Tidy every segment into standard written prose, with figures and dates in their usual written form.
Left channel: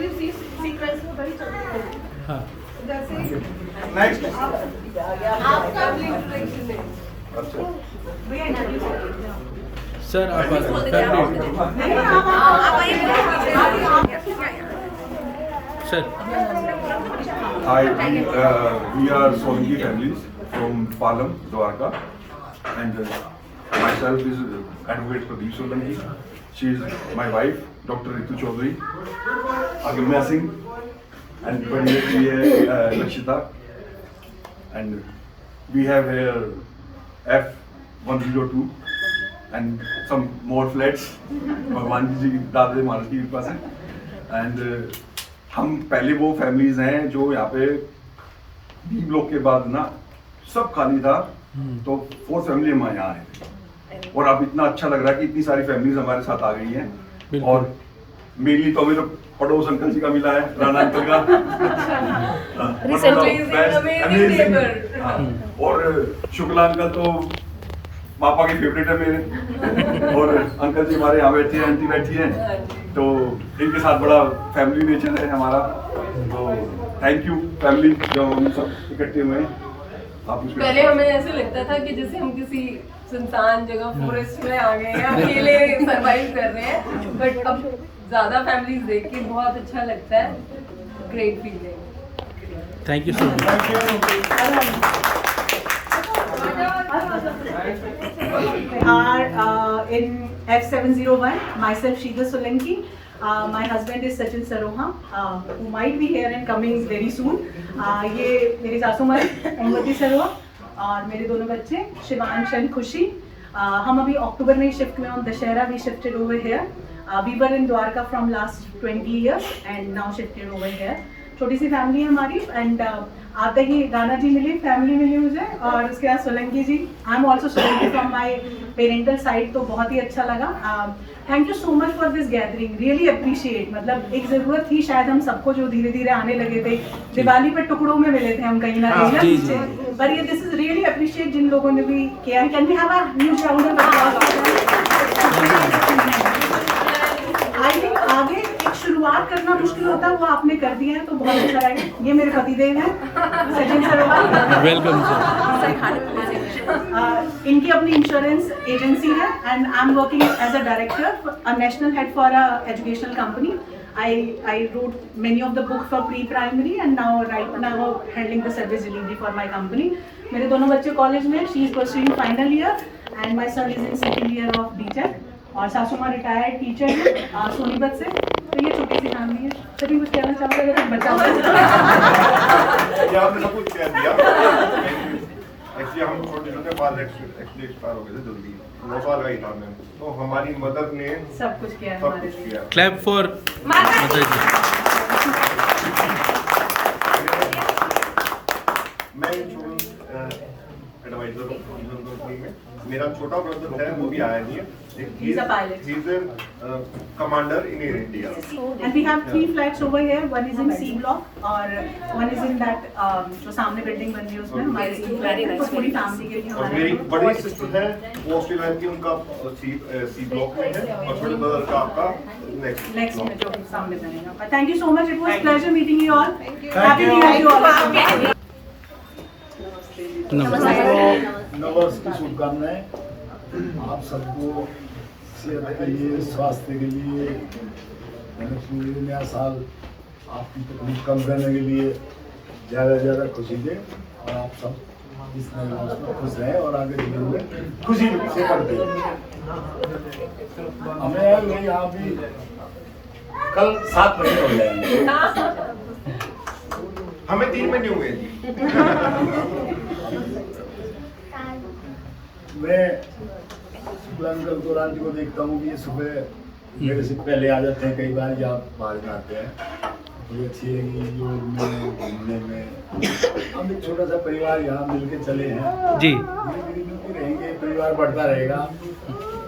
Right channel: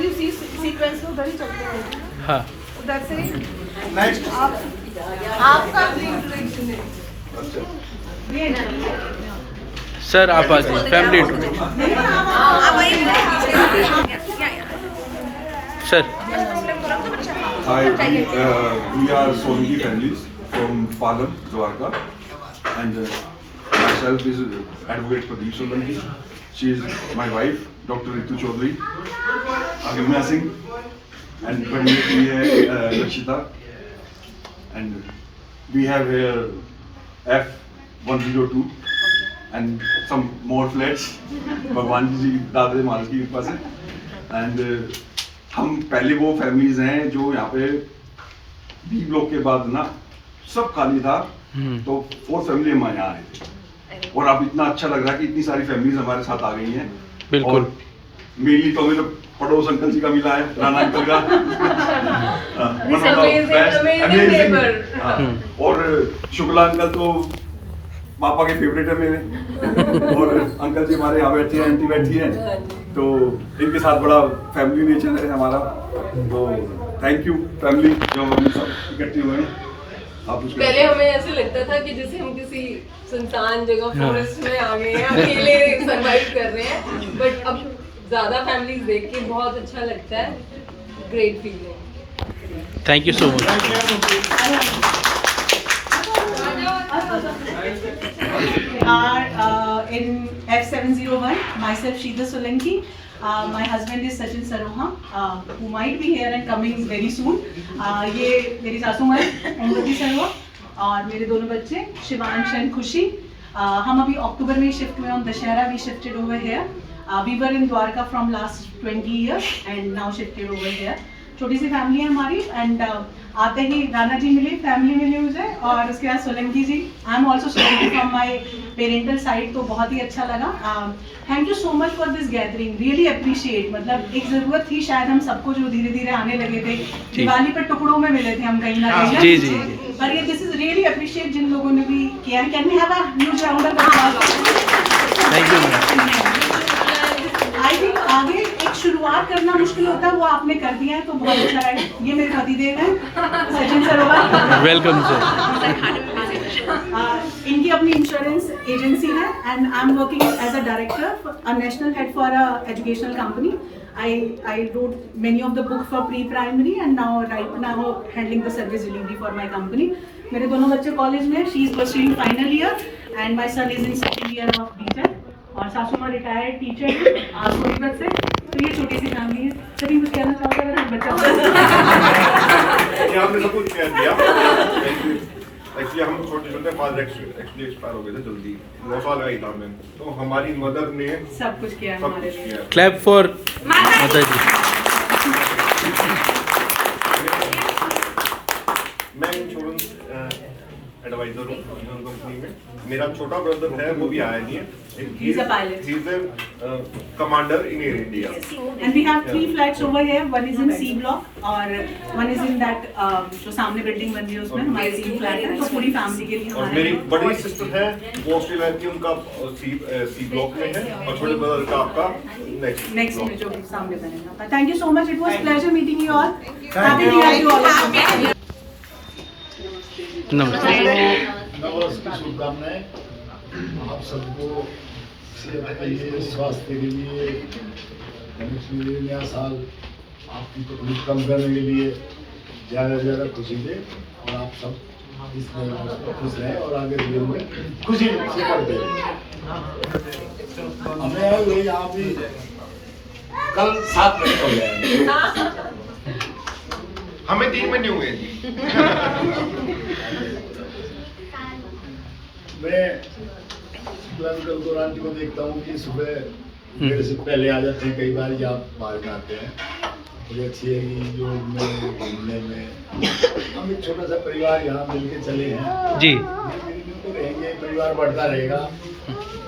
उधर ही उसी सीक्वेंस में उधर ही चलते हैं। हाँ उधर से नेक्स्ट आपका इंट्रोडक्शन सर आप आ जाइए family sir Hi, we are Solanki families from Palam, Dwarka, and myself is Advocate Pradeep Solanki. She is my wife, Dr. Ritu Chaudhary, Agimya Singh, and Pariyati Rakshita. And we have here F102 and some more flats. भगवान जी दादा माल की कृपा से and हम पहले वो families हैं जो यहाँ पे बी ब्लॉक के बाद ना सब खाली था, तो 4 फैमिली हम यहाँ आए और अब इतना अच्छा लग रहा है कि इतनी सारी फैमिलीज हमारे साथ आ गई हैं। बिल्कुल। और मेनली तो हमें तो पड़ोस अंकल जी का मिला है, राणा अंकल का और शुक्ला अंकल तो पापा के फेवरेट है मेरे और अंकल जी हमारे यहाँ बैठे हैं, आंटी बैठी हैं, तो इनके साथ बड़ा फैमिली नेचर है हमारा। तो थैंक यू फैमिली जो हम सब इकट्ठे हुए हैं। आप कुछ पहले हमें ऐसे लगता था कि जैसे हम किसी सुनसान जगह फॉरेस्ट में आ गए हैं, अकेले सरवाइव कर रहे हैं, बट अब ज्यादा फैमिलीज देख के बहुत अच्छा लगता है। Great feeling. Thank you so much. In F701, myself Shida Solanki, my husband is Sachin Saroha, who might be here and coming very soon. ये मेरी सासू माँ ओमवती सरोहा और मेरे दोनों बच्चे शिवांश एंड खुशी। हम अभी अक्टूबर में ही शिफ्ट हुए ऑन Dussehra, we shifted over here. We were in Dwarka from last 20 years and now shifted over here. छोटी सी फैमिली है हमारी एंड आते ही राणा जी मिली, फैमिली मिली मुझे, और उसके बाद Solanki ji. I am also Solanki from my parental side, तो बहुत ही अच्छा लगा। Thank you so much for this gathering, really appreciate. मतलब एक ज़रूरत थी शायद हम सबको जो धीरे धीरे आने लगे थे। दिवाली पर टुकड़ों में मिले थे हम कहीं ना कहीं, जी जी पर ये दिस इज रियली अप्रिशिएट जिन लोगों ने भी किया। Can we have a huge round of applause? Thank you. I think आगे एक शुरुआत करना मुश्किल होता है, वो आपने कर दिया है तो बहुत अच्छा रहेगा। ये मेरे पतिदेव हैं सचिन सरोवर, वेलकम सर। इनकी अपनी इंश्योरेंस एजेंसी है and I am working as a director, a national head for a educational company. I wrote many of the books for pre-primary and right now handling the service delivery for my company. मेरे दोनों बच्चे college में, she is pursuing final year and my son is in second year of BTech, और सासू माँ retired teacher है सोनीपत से। तो ये छोटी सी फैमिली है। सभी कुछ कहना चाहोगे अगर कुछ बचा ये आपने सब कुछ कह दिया। एक्चुअली हम छोटे छोटे पास एक्चुअली एक्सपायर हो गए थे जल्दी, 9 साल का ही था मैं, तो हमारी मदर ने सब कुछ किया है हमारे लिए। क्लैप फॉर माता जी। मैं इंश्योरेंस एडवाइजर हूँ इंश्योरेंस कंपनी में। मेरा छोटा ब्रदर है, वो भी आया नहीं है। He's a pilot. He's a commander in Air India. And we have 3 flats over here. One is in C block और one is in that जो सामने बिल्डिंग बन रही है उसमें हमारे 3 फ्लैट है, तो पूरी फैमिली के लिए और हमारे। मेरी बड़ी सिस्टर है वो ऑस्ट्रेलिया की, उनका सी ब्लॉक में है, और छोटे ब्रदर का आपका नेक्स्ट में जो सामने बनेगा। Thank you so much, it was pleasure meeting you all. Happy new year to all. नमस्ते। नववर्ष की शुभकामनाएं आप सबको, सेहत के लिए, स्वास्थ्य के लिए, नया साल आपकी तकलीफ कम करने के लिए ज़्यादा से ज़्यादा खुशी दे और आप सब इस नए वर्ष में खुश रहें और आगे जीवन में खुशी से बढ़ते रहें। हमें ये यहाँ भी कल 7 महीने हो जाएंगे। हमें 3 महीने हुए जी। मैं अंकल को आंटी को देखता हूँ कि सुबह मेरे से पहले आ जाते हैं, कई बार आप बाहर आते हैं। बड़ी अच्छी है कि योग में, घूमने में। हम एक छोटा सा परिवार यहाँ मिलके चले हैं जी। धीरे धीरे मिलते रहेंगे, परिवार बढ़ता रहेगा।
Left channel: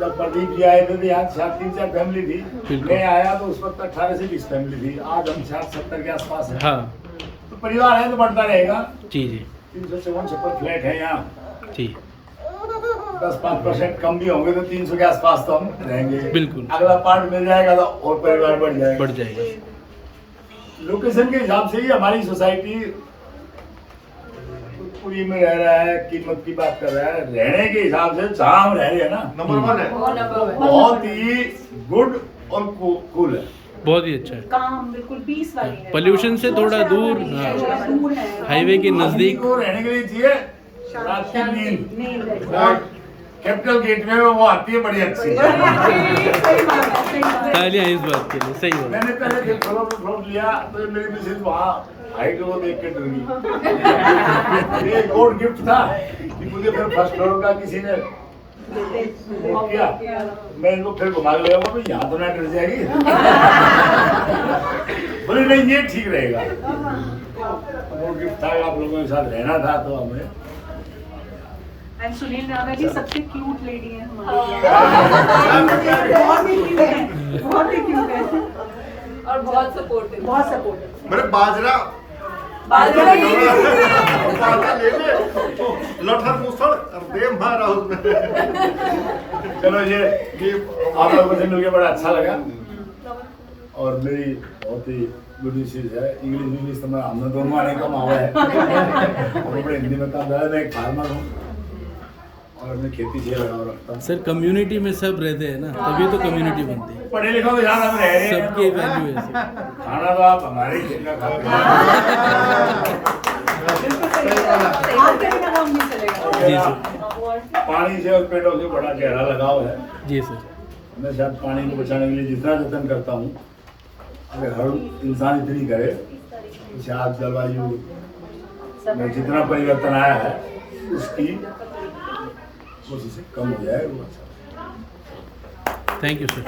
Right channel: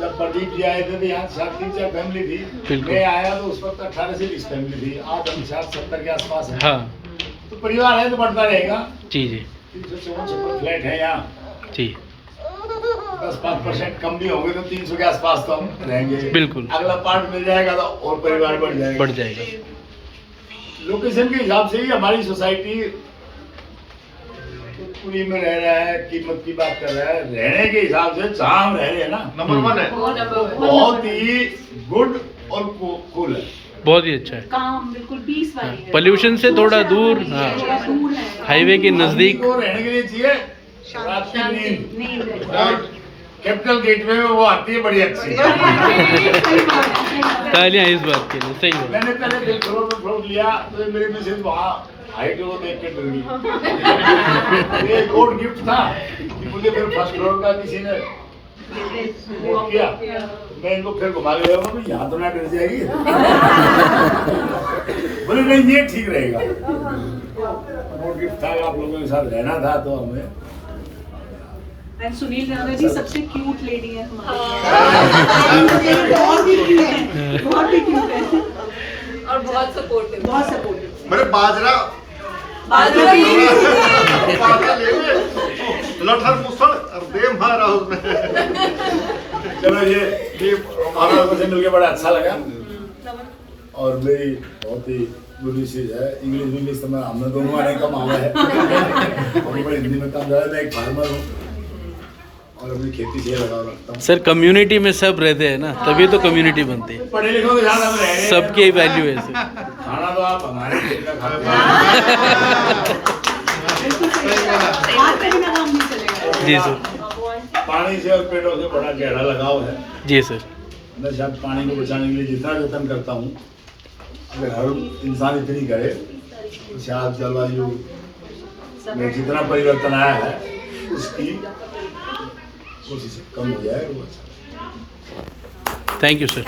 जब प्रदीप जी आए थे तो यहाँ 3-4 फैमिली थी, मैं आया तो उस वक्त 18 से 20 फैमिली थी। आज हम 60-70 के आसपास हैं। हाँ तो परिवार है तो बढ़ता रहेगा। जी जी 354 फ्लैट है यहाँ जी 10-5% कम भी होंगे तो 300 के आसपास तो हम रहेंगे। बिल्कुल। अगला पार्ट मिल जाएगा तो और परिवार बढ़ जाएगा। बढ़ जाएगा। लोकेशन के हिसाब से ही हमारी सोसाइटी पूरी में रह रहा है, कीमत की बात कर रहा है। रहने के हिसाब से जहाँ हम रह रहे हैं ना, नंबर 1 है। बहुत ही गुड और कूल है। बहुत ही अच्छा है। काम बिल्कुल पीस वाली है। पोल्यूशन से थोड़ा दूर, हाँ, दूर है। हाईवे के नजदीक। को रहने के लिए चाहिए रात की नींद, नहीं है। और कैपिटल गेट में वो आती है बड़ी अच्छी। सही बात है। तालियां इस बात के लिए, सही बात। मैंने पहले फ्लोर लिया तो मेरे मिसेज वहाँ हाइट को देख के डर गई। ये गॉड गिफ्ट था कि मुझे फिर फर्स्ट फ्लोर का किसी ने वो किया। मैं इनको फिर घुमा के बोला भाई यहाँ तो ना डर जाएगी। बोले नहीं ये ठीक रहेगा। गॉड गिफ्ट था, आप लोगों के साथ रहना था तो हमें। एंड सुनील राणा जी सबसे क्यूट लेडी है हमारी। बहुत ही क्यूट है और बहुत सपोर्टिव। बहुत सपोर्टिव। मेरे बाजरा बाजरा भी लठर मुसड़ और दे मारा उसने। चलो ये आप लोगों से मिलकर बड़ा अच्छा लगा। और मेरी बहुत ही गुड मिसेज है। इंग्लिश तो मैं हमने दोनों आने का माहौल है। और मैं हिंदी में काम मैं एक फार्मर हूँ और अपनी खेती से लगाव रखता हूँ। सर कम्युनिटी में सब रहते हैं ना, तभी तो कम्युनिटी बनती है। पढ़े लिखो तो यहाँ हम रह रहे हैं। सबकी वैल्यू है सर। खाना तो आप हमारे खेत का खाते हैं। हाथ का बिना काम नहीं चलेगा। जी सर। पानी से और पेड़ों से बड़ा गहरा लगाव है। जी सर। मैं शायद पानी को बचाने के लिए जितना यत्न करता हूँ, अगर हर इंसान इतनी करे तो शायद जलवायु में जितना परिवर्तन आया है उसकी कोशिश कम हो जाए। वो अच्छा। Thank you sir.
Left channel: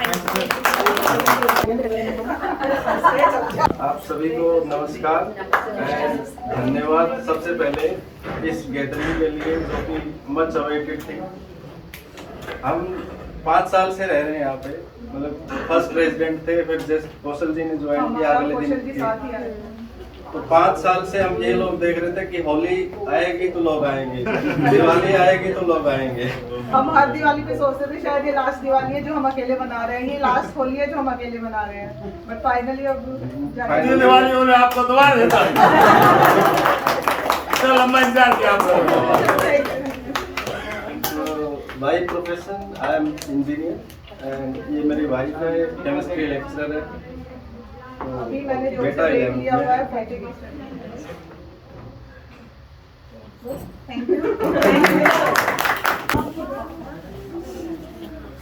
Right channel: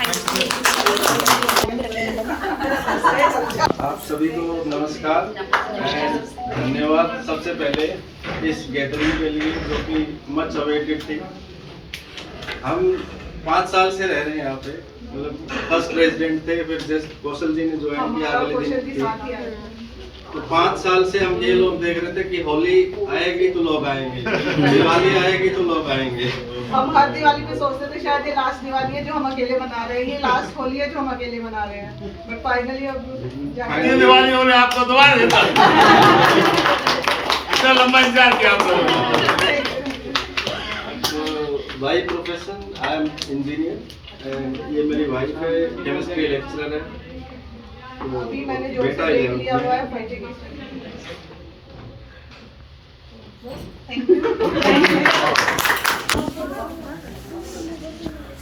आप सभी को नमस्कार and धन्यवाद सबसे पहले इस गैदरिंग के लिए जो कि मच अवेटेड थी। हम 5 साल से रह रहे हैं यहाँ पे, मतलब फर्स्ट रेजिडेंट थे, फिर जस्ट कौशल जी ने ज्वाइन किया अगले दिन थे। तो 5 साल से हम ये लोग देख रहे थे कि होली आएगी तो लोग आएंगे, दिवाली आएगी तो लोग आएंगे। हम हर दिवाली पे सोचते थे शायद ये लास्ट दिवाली है जो हम अकेले मना रहे हैं, ये लास्ट होली है जो हम अकेले मना रहे हैं, बट फाइनली अब अगली दिवाली होने आपको दुआ देता हूँ। इतना लंबा इंतजार किया आप लोगों ने। तो by profession I am engineer and ये मेरी वाइफ है, केमिस्ट्री लेक्चरर है। अभी मैंने जो बेटा से इलेवन लिया हुआ है फाइटे की थैंक यू।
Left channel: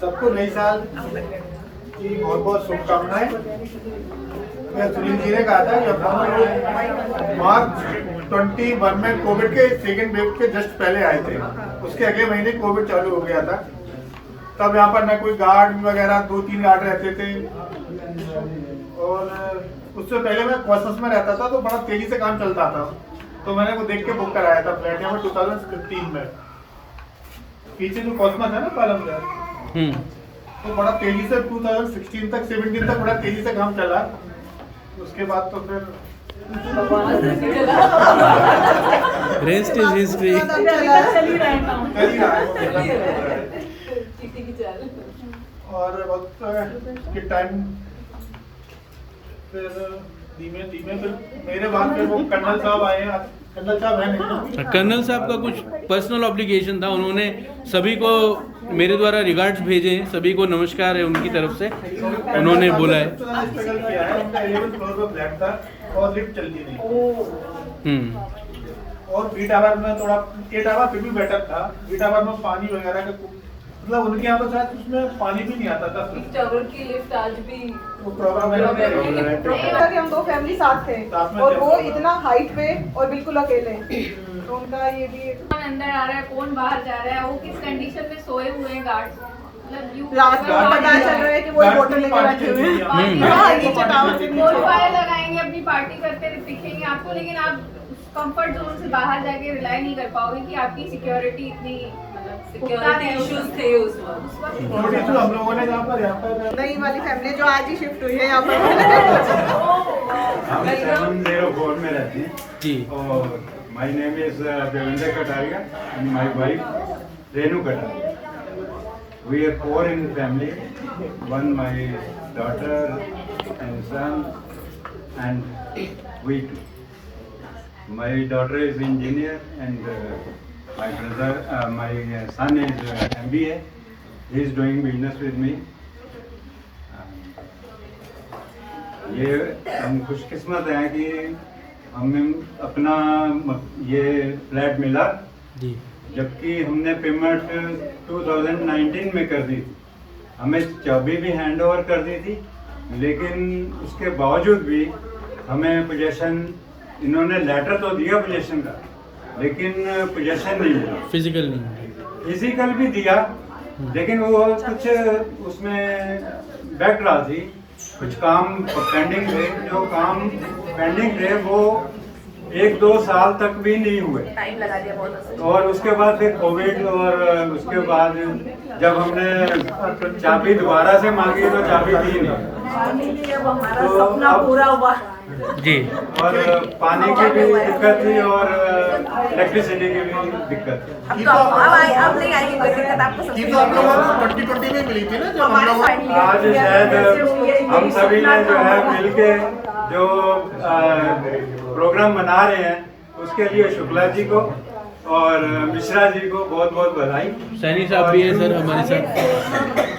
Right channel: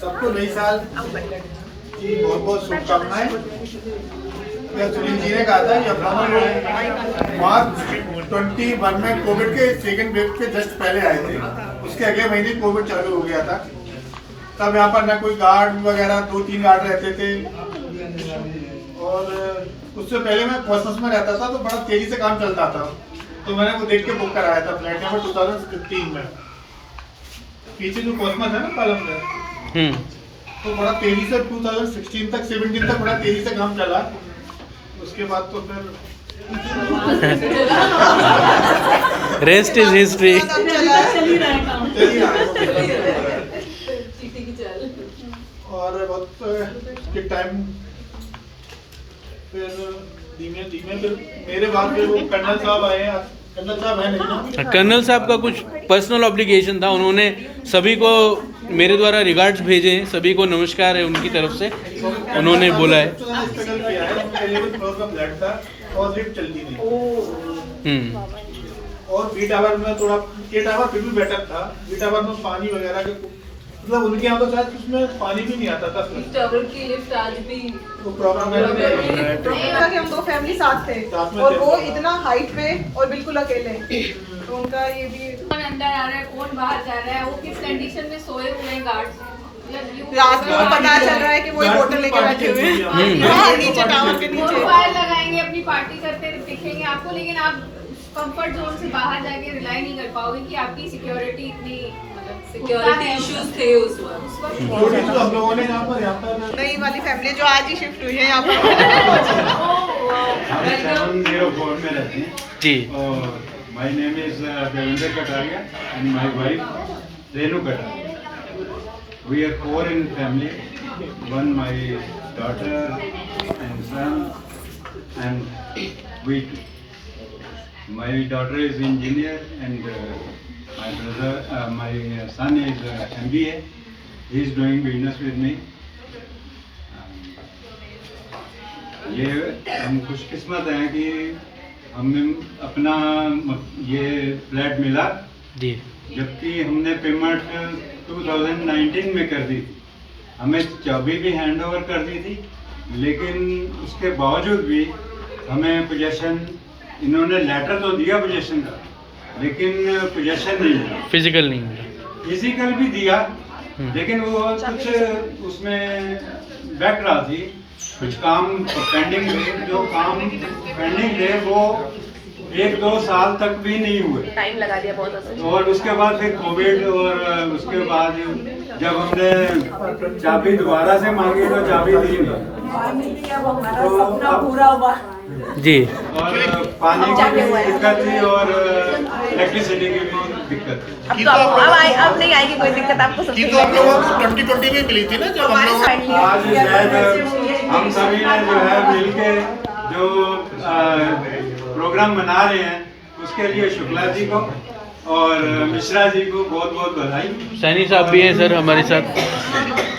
सबको नई साल की बहुत बहुत शुभकामनाएं। सुनील जी ने कहा था कि अपना लोग मार्च 21 में कोविड के सेकेंड वेव के जस्ट पहले आए थे, उसके अगले महीने कोविड चालू हो गया था। तब यहाँ पर ना कोई गार्ड वगैरह 2-3 गार्ड रहते थे, और उससे पहले मैं कॉस्मस में रहता था तो बड़ा तेजी से काम चलता था, तो मैंने वो देख के बुक कराया था फ्लैट नंबर 2015 में। पीछे जो कॉस्मस है ना पालम में, तो बड़ा तेजी से 2016 तक 17 तक बड़ा तेजी से काम चला। उसके बाद तो फिर रेस्ट इज हिस्ट्री। चल ही रहा है काम। चल ही रहा है। और वक्त के टाइम फिर धीमे धीमे फिर मेरे बाद में वो कर्नल साहब आए हैं। कर्नल साहब है नहीं, कर्नल साहब का कुछ पर्सनल ऑब्लिगेशन था, उन्होंने सभी को मेरे द्वारा रिगार्ड्स भेजे हैं, सभी को नमस्कार है उनकी तरफ से, उन्होंने बोला है। उनका 11th फ्लोर का फ्लैट था और लिफ्ट चलती नहीं, और बी टावर में थोड़ा, ए टावर फिर भी बेटर था। बी टावर में पानी वगैरह के मतलब उनके यहाँ तो शायद उसमें पानी भी नहीं आता था। इस टावर की लिफ्ट आज भी वो प्रॉब्लम है। कि हम 2 फैमिली साथ थे साथ में और थे। वो इतना हाइट पे और बिल्कुल अकेले, तो उनका ये भी कौन अंदर आ रहा है, कौन बाहर जा रहा है, वो किस कंडीशन में सोए हुए हैं गार्ड्स। रात को पता चल रहा है कि वो एक होटल लेके बैठे हुए हैं नीचे टावर के बोल नीचे। फायर लगाएंगे, अपनी पार्टी करते दिखेंगे आपको, लेकिन आप कंफर्ट जोन से बाहर जाके रिलाई नहीं कर पाओगे कि आपकी सिक्योरिटी इतनी सिक्योरिटी इश्यूज थे उस वक्त। जो चीज़ हम लोगों ने यहाँ पर नई वाली फैमिली जो आज ही शिफ्ट हुई है यहाँ पर। हम 704 में रहते हैं जी। और my name is Devendra Kataria and my wife Renu Kataria. We are 4 in family, 1 my daughter and son and we two. My daughter is engineer and my son is MBA. He is doing business with me. ये हम खुशकिस्मत हैं कि हमें अपना ये flat मिला जी। जबकि हमने पेमेंट 2019 में कर दी थी। हमें चाबी भी हैंड ओवर कर दी थी, लेकिन उसके बावजूद भी हमें पोजेशन, इन्होंने लेटर तो दिया पोजेशन का, लेकिन पोजेशन नहीं मिला। फिजिकल नहीं मिला। फिजिकल भी दिया, लेकिन वो कुछ उसमें बैक रहा थी, कुछ काम पेंडिंग थे। जो काम पेंडिंग थे वो 1-2 साल तक भी नहीं हुए, टाइम लगा दिया बहुत। और उसके बाद फिर कोविड, और उसके बाद जब हमने चाबी दोबारा से मांगी तो चाबी दी नहीं। हमारा सपना पूरा हुआ जी। और पानी की भी दिक्कत थी और इलेक्ट्रिसिटी की भी दिक्कत थी। अब नहीं आएगी कोई दिक्कत आपको। की तो आप लोगों को 2020 में मिली थी ना, जब हम लोग आज शायद हम सभी ने जो है मिलके जो प्रोग्राम मना रहे हैं, उसके लिए शुक्ला जी को और मिश्रा जी को बहुत बहुत बधाई। सैनी साहब भी हैं सर हमारे साथ,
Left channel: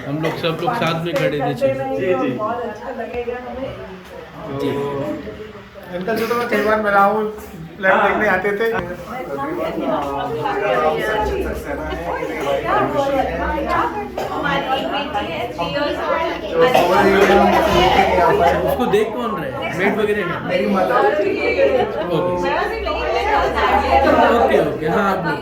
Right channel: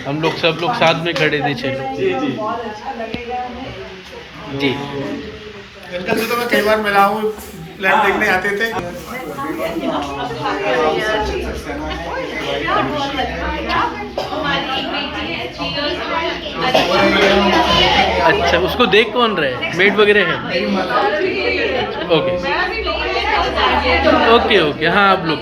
हम लोग सब लोग साथ में खड़े थे 6 लोग। जी जी जी। इनका से तो मैं कई बार मिला हूँ, फ्लैट देखने आते थे। अच्छा, उसको देख कौन रहे हैं? मेड वगैरह है? ओके ओके ओके, हाँ आप लोग।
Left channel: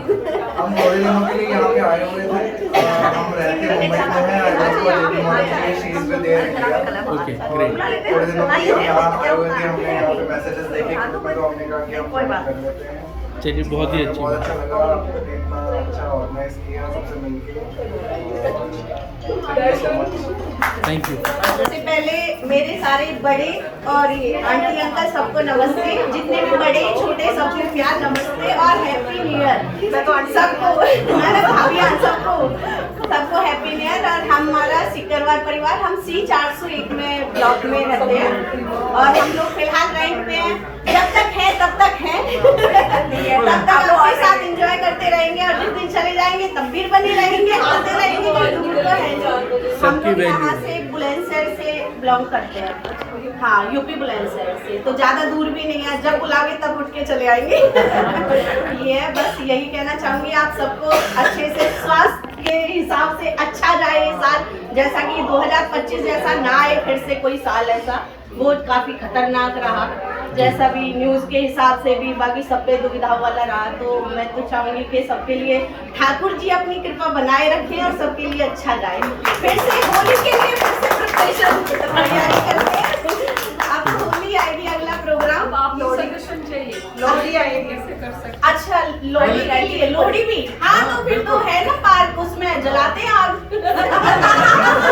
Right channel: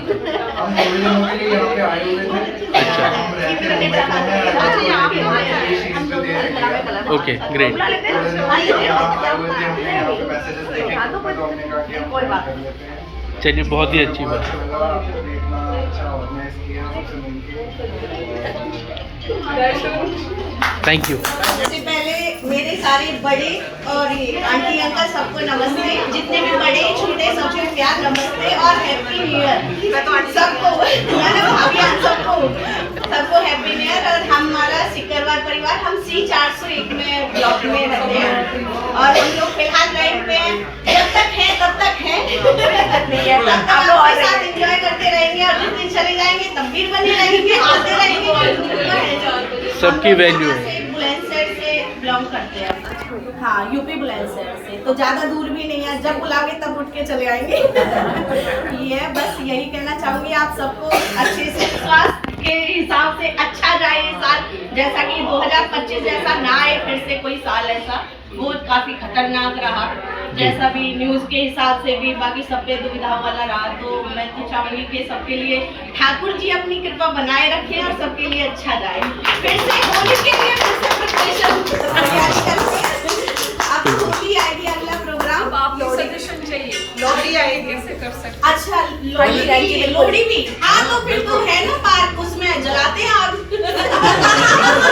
हम थोड़ी दिनों के लिए यहाँ पे आए हुए थे। अच्छा, हम रहते मुंबई में हैं और हमको लेडी होने के लिए शीज पे दे रहे हैं। Okay great. थोड़े दिनों के लिए यहाँ आए हुए थे, हमने यहाँ पे मैसेजेस देखे ग्रुप में, तो हमने कहा कि हम फॉरवर्ड कर लेते हैं। चलिए, बहुत ही अच्छी बात। अच्छा लगा, आपने इतना अच्छा ऑर्गेनाइज किया सबसे मिलके। Thank you. सबसे पहले मेरे सारे बड़े और आंटी अंकल सबको नमस्ते, जितने भी बड़े छोटे सबको प्यार नमस्ते और हैप्पी न्यू ईयर सबको। मैंने भाभी सबको हैप्पी न्यू ईयर। और हमारा सिकरवार परिवार, हम C401 में ब्लॉक में रहते हैं और हम लोग फिलहाल रेंट पे हैं। जब तक है तब तक है, तब तक आपके साथ एंजॉय करते रहेंगे और जिस दिन चले जाएंगे तब भी बने रहेंगे, आते रहेंगे। सबकी वैल्यू है। बुलंदशहर से बिलोंग करते हैं, हाँ यूपी बुलंदशहर से, तो ज़्यादा दूर भी नहीं है। जब बुलाओगे तब उठ के चले आएंगे। ये है, बस यही कहना चाहूँगी आप सबको। अच्छे से स्वास्थ्य के हिसाब से अच्छा जाए ये साल, जैसा कि 2025 जैसा ना आए फिर से कोई साल ऐसा, वो काफ़ी खतरनाक रहा। जैसा भी न्यूज़ के हिसाब से भी बाकी सब पे दुविधा वाला रहा। तो मैं तो चाहूँगी कि सबके लिए ठाकुर जी अपनी कृपा बनाए रखें और सबके लिए अच्छा जाए। फिर से होली के लिए फिर से प्रिपरेशन तैयारी करते हैं। अब होली आएगी, अगला प्रोग्राम सजेशन चाहिए, लोहड़ी आएगी। कैसे कर सकते? अच्छा, लोहड़ी के लिए लोहड़ी भी, हाँ तो फिर तो है ना पार्क, उसमें जलाते हैं आग।